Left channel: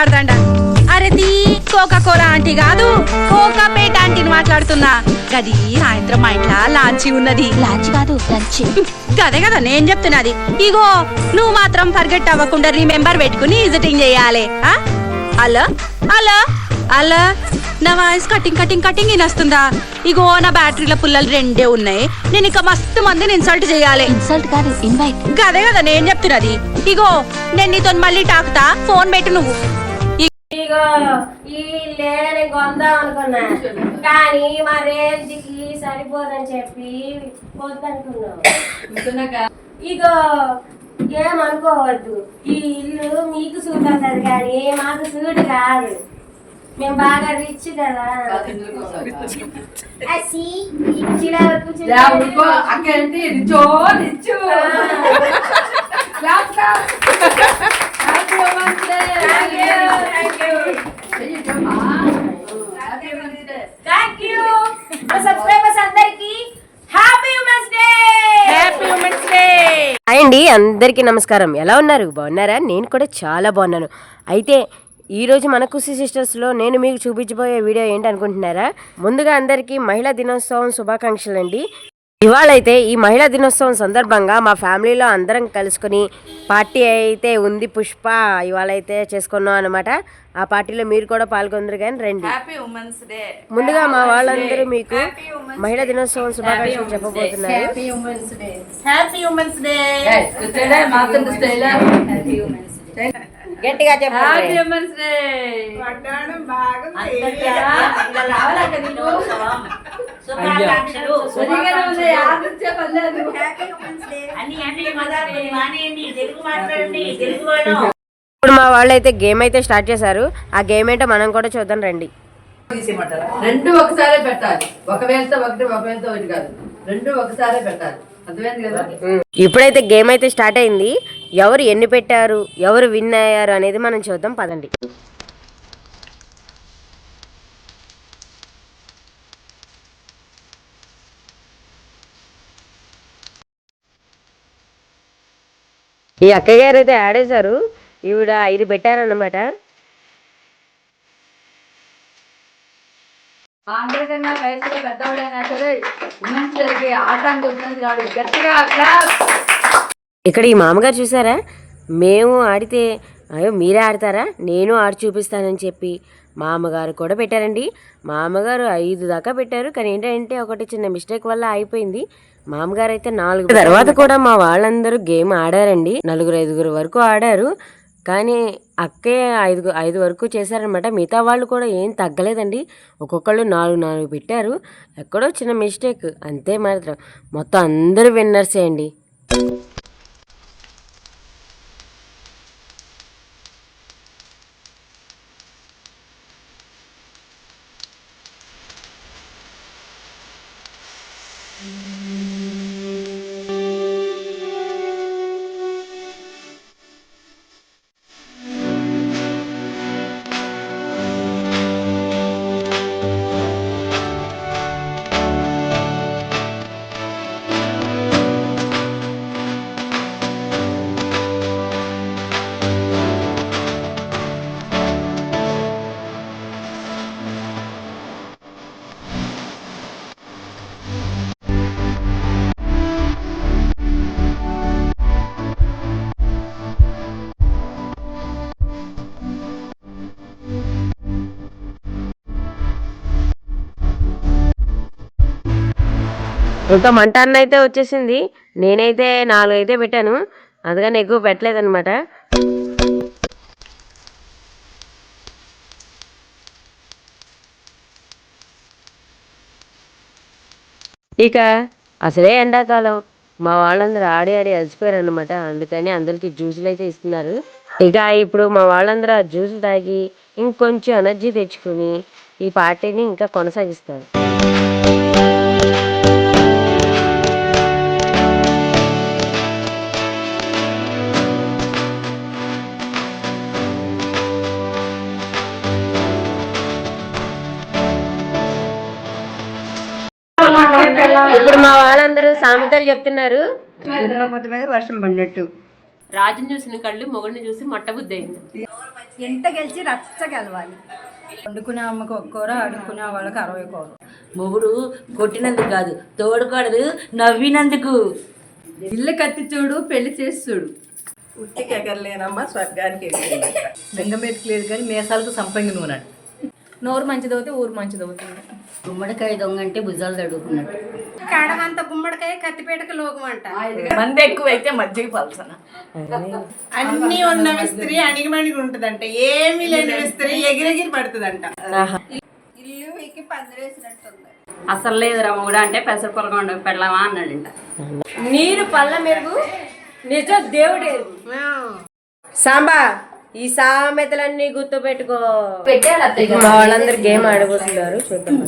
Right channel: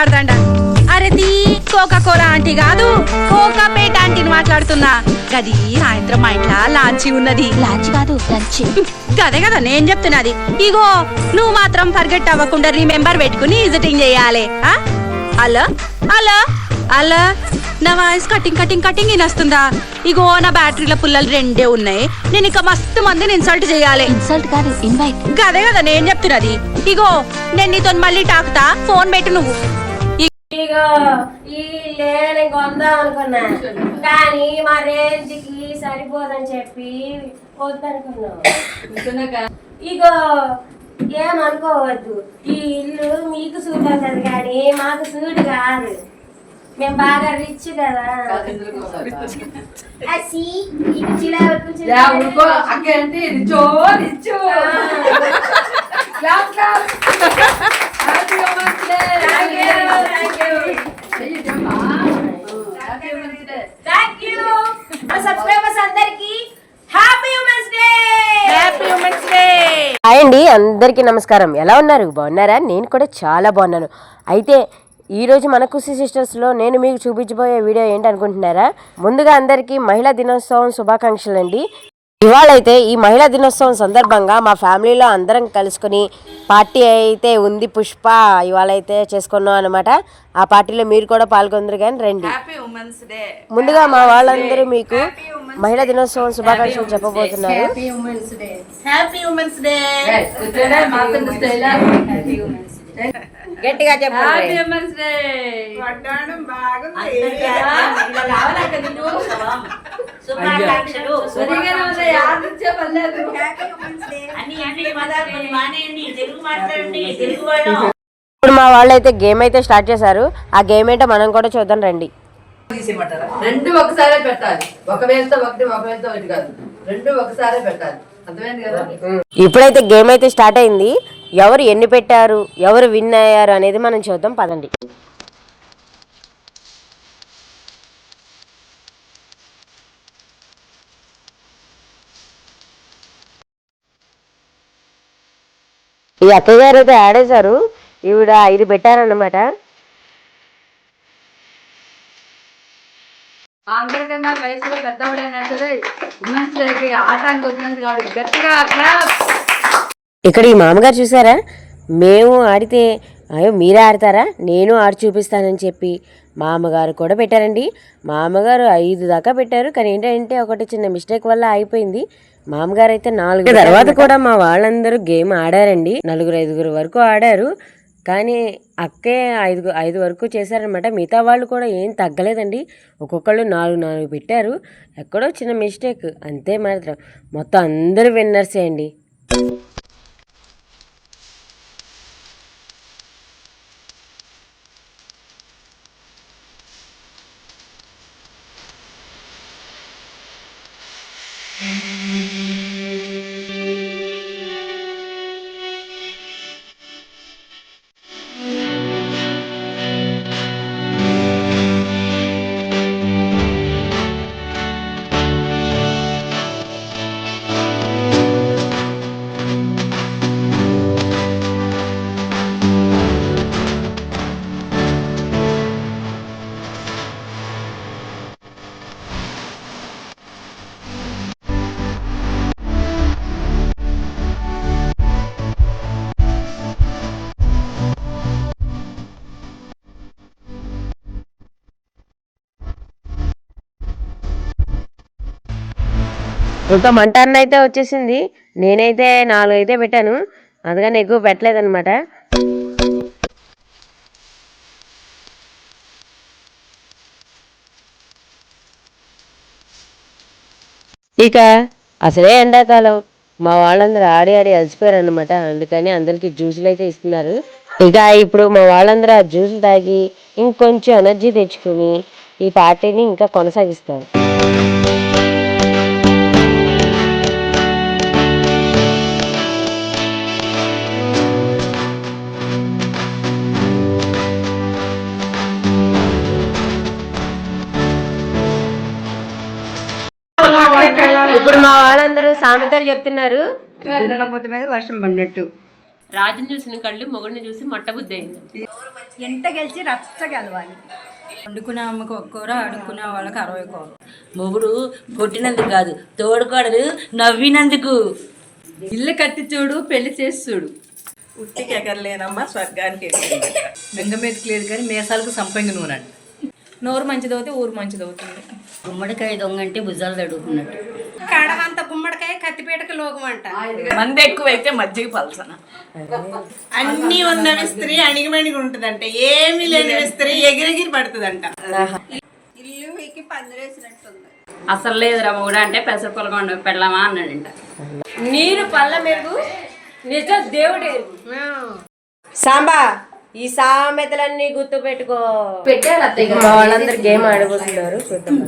మాట్లాడదండ అరే తీ Coca Cola aunty కాదు కోకా పేట ఆంటీని మాట్లాడుతున్నా. గది సాయంత్రం మా ఇంట్లో లాంచి ఉన్నది. లాంచ్ కాదు లంచ్. గదే కదా నేను చెప్తున్నది. ఇగో నువ్వు మాత్రం ఫర్గెట్ అవ్వకుండా రిమెంబర్ పెట్టుకుని విజిటింగ్ చేయాలి? హలో? హలో? హలో? నా వాయిస్ కటింగ్ కటింగ్ కటింగ్ వినొస్తుందా? ఇగో నా బ్యాటరీల పుల్లలు రెండే ఉన్నాయి. నేను ఇక మస్తు మందిని ఇన్సల్ట్ చేయాలి. ఇన్సల్ట్ కాదు ఇన్వైట్ గదే కదా నేను చెప్తున్నది. ఇగో నేను నీతో మళ్ళీ టాకుతా ఫోన్ పెట్టు నువ్వు. ఇగో ఈ లేని కొందాం అనుకున్నా. కానీ మా రేంజ్కి సరిపోదని చెప్పి వద్దనుకున్నాం ఇగో ఏమనుకోవద్దు. ఈ ఇల్లు మీకు సూట్ అవుతుంది కానీ మాకు సూట్ కాదు. మేము బాగా రిచ్ కదా. అసి, ఈ కుర్చీలో కూర్చుని యా ఉడుకో అక్క ఏంటి రిచో రిచు clap clap happy women's day Thank you, thank you. Happy women's day thank you మా సబ్స్క్రైబర్స్ అందరికి happy women's day happy women's day hi అండి అందరికీ నమస్కారం. ఎలా ఉన్నారు? బాగున్నారా? నేను కూడా చాలా బాగున్నాను. అయితే ఈరోజు మన కుసి సిస్టర్స్లో నేను మీకు చూపించబోయే వీడియో ఏంటనుకుంటున్నారా? ముందుగా అందరికీ మహిళా దినోత్సవం శుభాకాంక్షలు అండి ఇవాళైతే ఈ మహిళా దినోత్సవం సందర్భంగా మా ఫ్యామిలీలో అందరం కలుసుకొని పార్టీ అయితే ఉంది పుష్ప ఇవాళైతే చేసుకున్నాం అనమాట ఆ పార్టీలో మీరు కూడా పాల్గొందరు కానీ రండి. హ్యాపీ ఉమెన్స్ డే ముందుగా మా వాళ్ళందరూ మీకు మహిళా దినోత్సవం శుభాకాంక్షలు చెప్పబోతున్నారు. హ్యాపీ ఉమెన్స్ డే గట్టిగా చెప్పండి ఇప్పుడు మా వాళ్ళు అయితే గేమ్ అయితే స్టార్ట్ చేశారు. ఆ గేమ్ ఏంటో మనం కూడా చూద్దాం రండి. రెండు ఒకసారే పెట్టాలి. ఒక వేలతో ఒకటి ఒక వేలతో ఒకటి కాదు. రెండు ఒకసారే పెట్టాలి. అర్థమైంది కదా? ఇప్పుడైతే గేమ్ అయితే స్టార్ట్ అయింది. ఎవరు ఎన్ని పెట్టారు ఎవరు విన్ అయ్యారు అనేది మనం చూద్దాం పదండి. ఈ అక్కయ్య గారు అయితే ఆడేశారు ఈవిడ ఐదు పెట్టారన్నమాట. అందరికన్నా వయసులో పెద్దవాడైనా సరే ఉమెన్స్ డేకి ఆటానికి వచ్చినది కాదు గట్టిగా ఇక్కడ ఈ మామగారు చూసారా? మేము ఆడితే అయ్యో మీరే ఆడతారా? నేను ఆడి చూపిస్తానని చెప్పి మామగారు కూడా పెట్టారండి. మామగారు ఐదు దాకా పెట్టారు. కానీ ఏంటంటే ఒకటి చిన్న మిస్టేక్ వల్ల అయిపోయింది. మామగారు అయితే నాలుగు తర్వాత కూడా మా వాళ్ళందరూ గేమ్ ఆడారండి. నలుగురు ఐదుగురు వరకు ఆడారు. కానీ అక్కే ఐదు ఐదు వరకు చేశారనమాట మిగతా వాళ్ళు కూడా ఏం తగ్గలేదండి. ఒక్కొక్కళ్ళు నాలుగు నాలుగు పెట్టారు. ఎక్కడో చిన్న మిస్టేక్. అంతే మాత్రం. మొత్తం అందరూ విన్నర్సే అండి. ఇంకా మంట అన్న అయితే వచ్చేసింది. నేనైతే నాలుగు అయితే పెట్టాను. అందుకని ఎక్కువ పెట్టలేదన్నమాట. ఇక అసలే ఎండాకాలం. మా వాళ్ళందరూ ఆడి ఆడి అలసిపోయారు అనమాట అందుకని అందరికీ జ్యూసులు అయితే ఇస్తున్నారు. ఇక ఇప్పుడు మా వాళ్ళందరూ ఆ జ్యూస్ తాగి ఇంకొంచెం ఎనర్జీ తెచ్చుకుని ఈ పార్టీని ఇంకా కొనసాగిస్తారు. మా వాళ్ళందరూ సామెతలు చెప్తున్నారు. మీద వర్షం పడినట్టు. రాజుని చూసిన కళ్ళు మొగుడిని చూసి మొట్టబుద్ధి అయింది. ఎంత గెలిచి రచ్చ గెలవాలి. వండుకునే అమ్మకు ఒక కూర అడుక్కునే వాళ్ళకి అరవై కూర. మొగుడు కొట్టినందుకు కాదు తోడుకోడలు నవ్వినందుకు. ఇల్లు కట్టి చూడు పెళ్ళి చేసి చూడు. ఉట్టికి ఎగరలేనమ్మా స్వర్గానికి బెంగమేటికి లేదు కానీ మేసాలకు సంపంగి నూనె నోరు మంచిదవుతే ఊరు మంచిదవుతుంది. గుమ్మడికాయ దొంగ అంటే భుజాలు తడుకున్నట్టు కాడమంత గుమ్మడికాయ కత్తిపేటకి లోకం అంట మంది ఎక్కువైతే మజ్జిగ పలసన. అన్ని ఉన్నవి స్త్రీ అణిగిమణిగి ఉంటదంట. ఏమీ లేని స్త్రీ ఎగిరెగిరి పడుతుందంట. ఇల్లు వీకి పందిరేసినట్టుంది. అసలు లేదురా మొగుడు అంటే పెసర పొలకొండ పెళ్ళామా అన్నాడంట. నీరు పళ్ళ మెరుగు నిజ దేవుడే సాంబా ఈ సామెతలన్నీ గుర్తు పెట్టుకో పెట్టారు అత్తయ్య మా వాళ్ళందరూ గేమ్ ఆడబోతున్నారు చూద్దాం.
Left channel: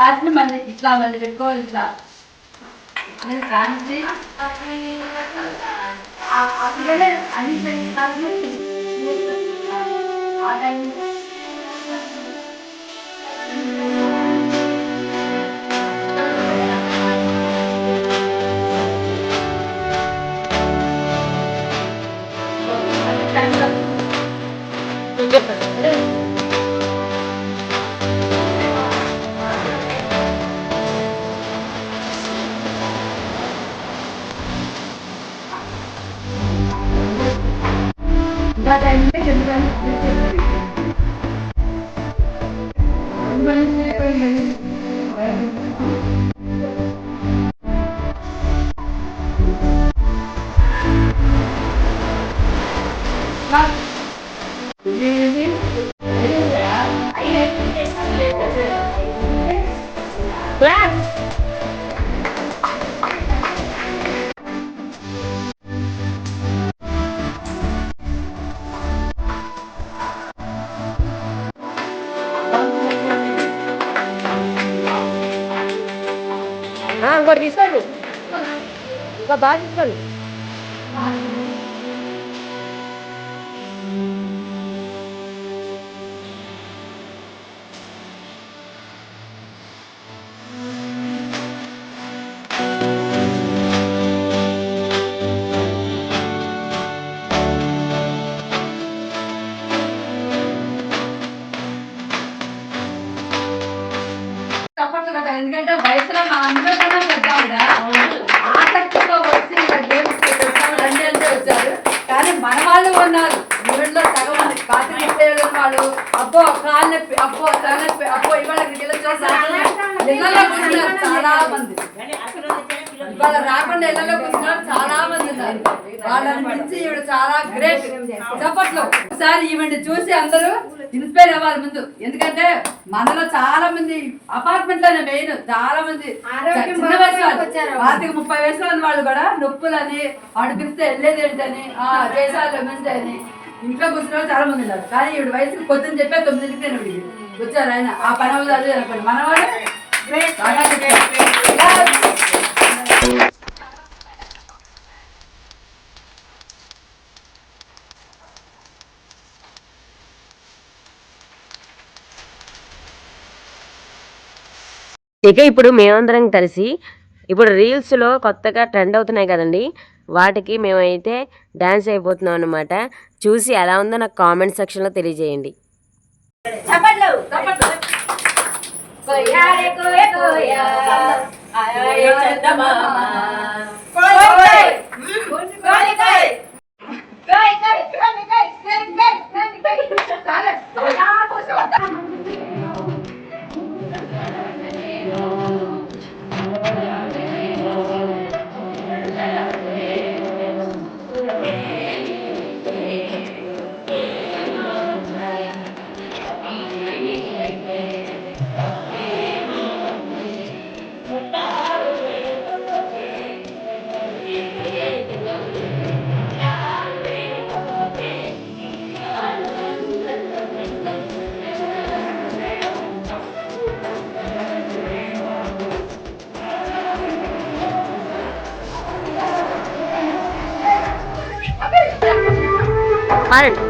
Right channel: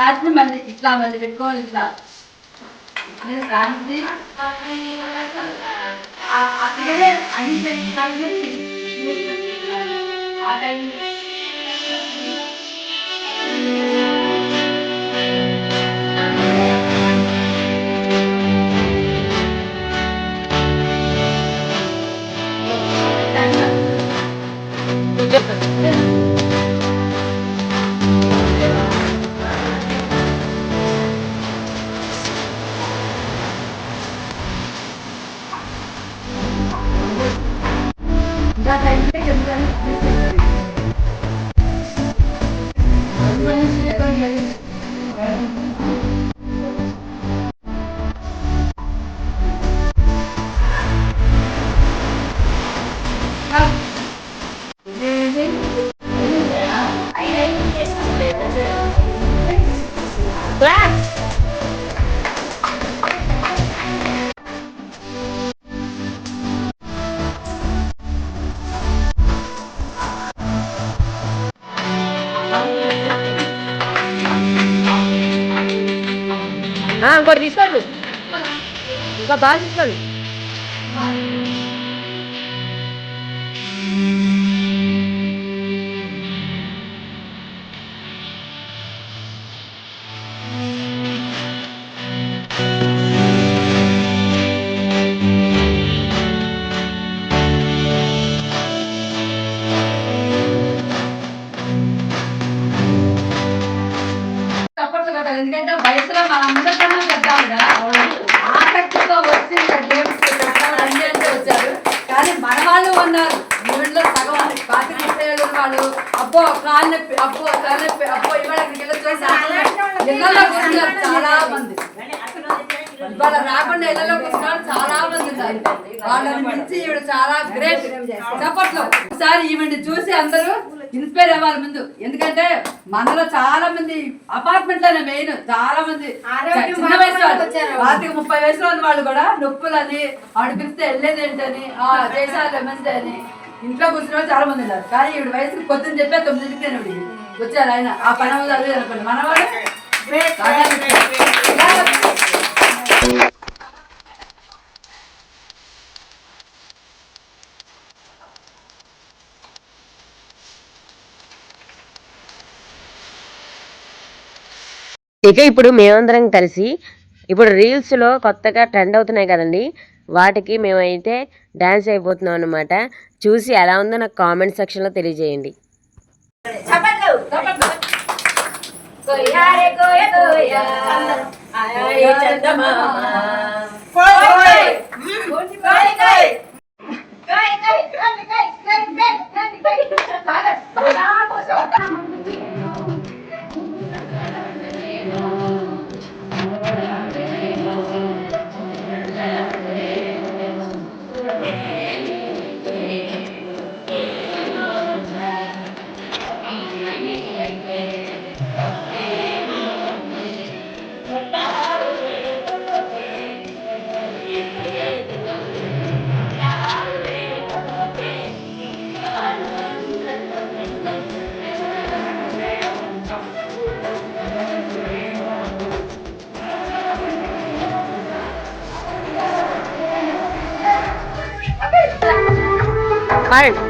ಆದ್ಮೇಲೆ ಮನೆ ಇಸ್ಲಾಂ ಅಲ್ಲಿ ಇಟ್ಕೊಳ್ಳಿಲ್ಲ ಕಾಣಿಸಿ ಆಮೇಲೆ ಅಹಿಂಸೆ Thank you. మళ్ళీ ఇట్లా మళ్ళీ పెట్టుకోవాలి ఇట్లా ఆ, ఇంకోటి తీసుకోండి ఇంకా బాగా తీసుకోండి చప్పట్లు కాలు నొప్పి అబ్బో తల నొప్పి అబ్బో ఇవాళ ఇళ్ళలో కూర్చున్నారు చాలా మంది. ఇవాళ రాకుండా ఇళ్ళలో కూర్చున్నారు చాలా మంది ఉన్నారు. వాళ్ళని మించి ఈవిడ చాలా గ్రేట్ చప్పట్లో. ఒకసారి ఈవిడ చూసి అందరూ ఇన్స్పైర్ అవ్వాలి ముందు. ఎందుకంటే మనలో చాలా మంది అపార్ట్మెంట్లోనే మెయిన్ చాలా మంది చిన్న వయసు వాళ్ళు. పాతిక ముప్పై వయసులో ఉన్న వాళ్ళు కూడా నొప్పులని ఆవిడ పిలిస్తే వెళ్ళేది ఏంటని ఆ చేసాలు అని ఇంట్లో కూర్చున్న వాళ్ళు చాలా మంది ఉన్నారు కానీ ఈవిడ వయసుకి పొద్దున్న చెప్పే తొమ్మిదింటికి నేను ఇవిడికి వచ్చారు ఆయన ఆ పని అవ్వదు అది అనుకోండి మనవాడు ఇక ఇప్పుడు మేమందరం కలిసి ఇప్పుడు రీల్స్లో కొత్తగా ట్రెండ్ అవుతున్నాయి కదండి. వాటికి మేమైతే డ్యాన్స్ అయిపోతున్నాం అనమాట చూసి ఎలా ఉందో నాకు కామెంట్ సెక్షన్లో తెలియజేయండి. Hi.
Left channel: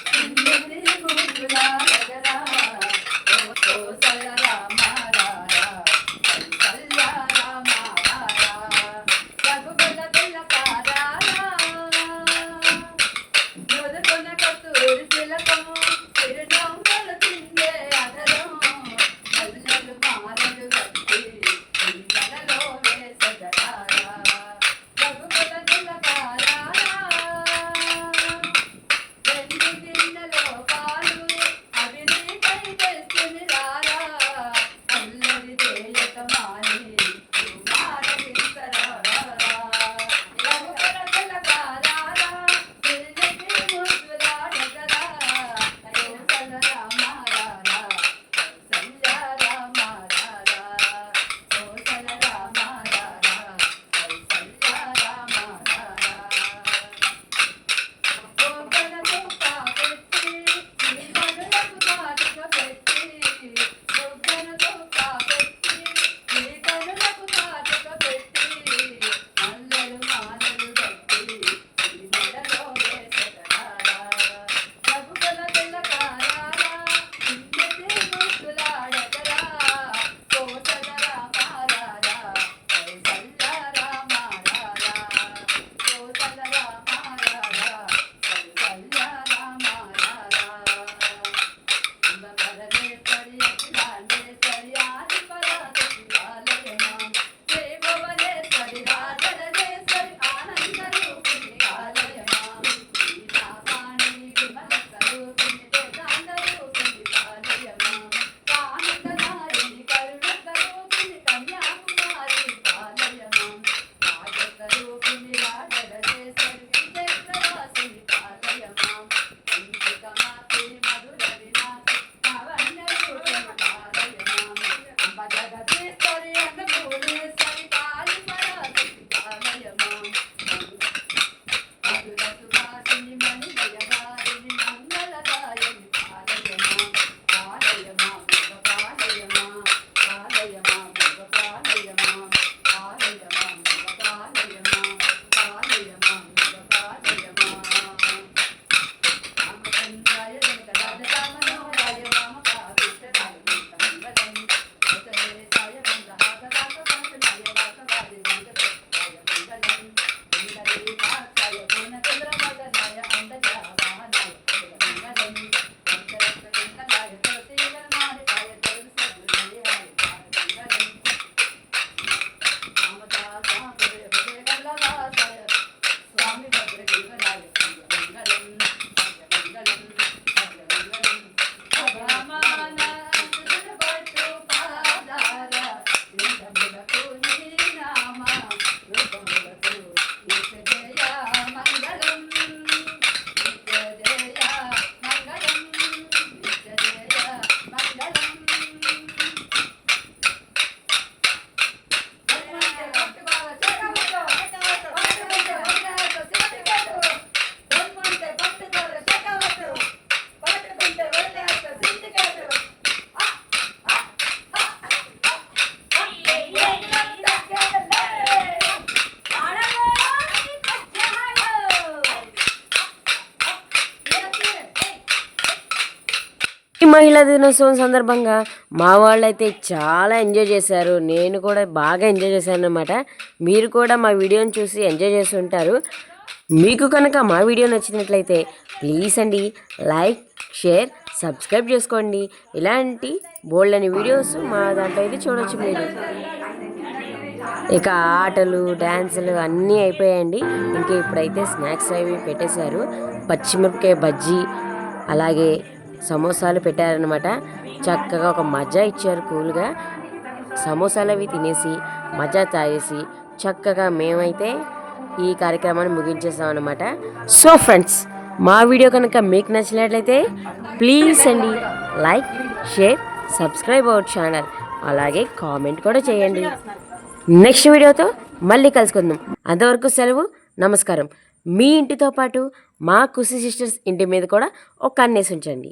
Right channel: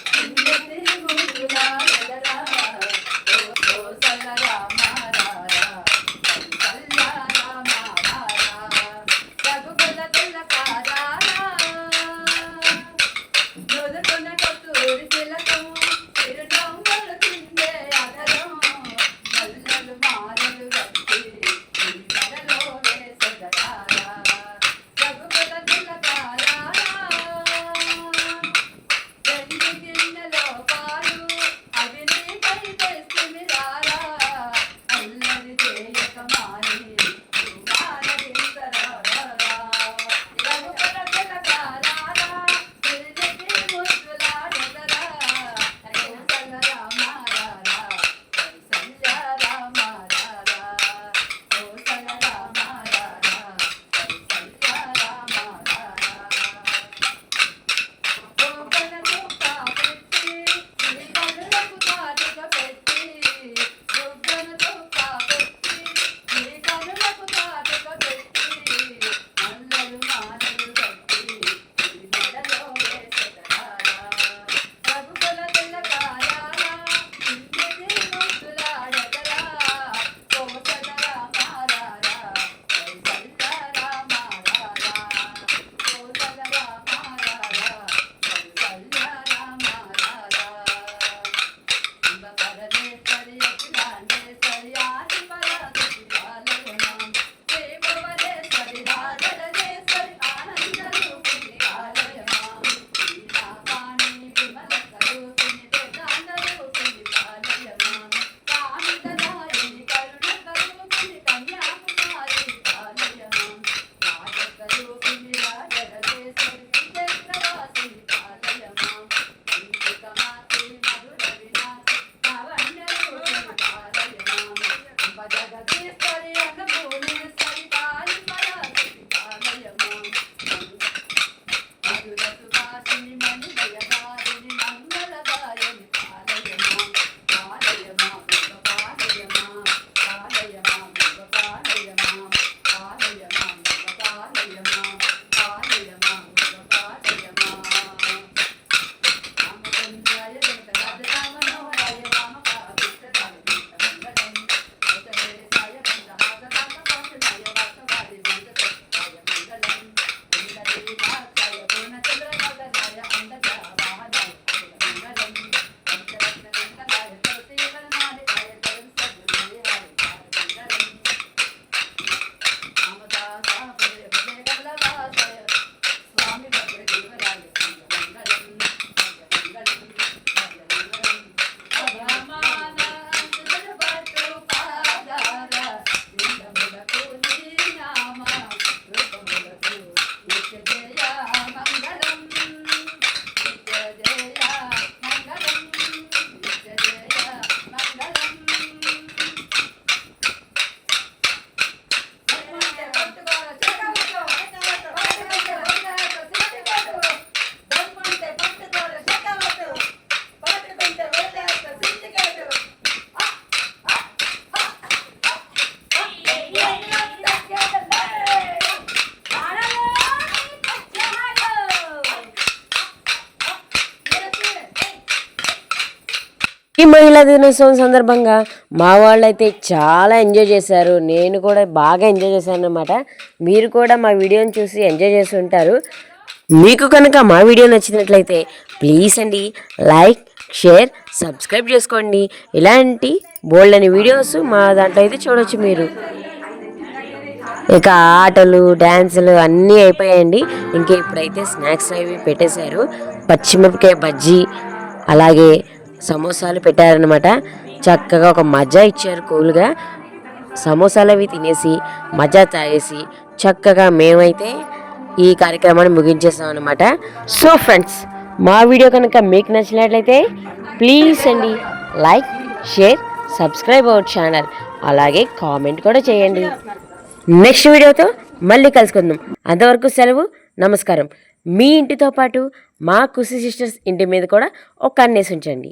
మహిళా దినోత్సవం సందర్భంగా. మా వాళ్ళు అయితే చాలా ఎంజాయ్ చేశారు. నేను కూడా బాగా ఎంజాయ్ చేశాను అనమాట మీరు కూడా మా వీడియోని చూసి ఎంజాయ్ చేసి ఉంటారు. మీకు కనుక మా వీడియో నచ్చినట్లయితే ప్లీజ్ అండి లైక్ షేర్ సబ్స్క్రైబ్ చేసుకోండి. ఇలాంటి బోల్డ్ అని వీడియోస్ మా దాంట్లో అయితే చూడవచ్చు మీరు. ఇక ఆటలు డ్యాన్సులు అన్నీ అయిపోయాయండి. ఇంకా ఇప్పుడైతే స్నాక్స్ అవి పెట్టేశారు. పచ్చిమిరపకాయ బజ్జీ అలాగే సమోసాలు పెట్టారనమాట చక్కగా ఒక మజా ఇచ్చారు కూల్గా. సమోసాలు అవి తినేసి మజా తాగేసి చక్కగా మేమైతే ఈ కార్యక్రమాన్ని ముగించేసాం అనమాట సో ఫ్రెండ్స్ మా వీడియో కనుక మీకు నచ్చినట్లయితే ప్లీజ్ అండి like share subscribe our channel. అలాగే కామెంట్ కూడా చేయండి. నెక్స్ట్ వీడియోతో మళ్ళీ కలుసుకుందాం. అంతవరకు సెలవు నమస్కారం. మీ ఇంటితో పాటు మా కుసి సిస్టర్స్ ఇంటి మీద కూడా ఒక కన్నేసి ఉంచండి.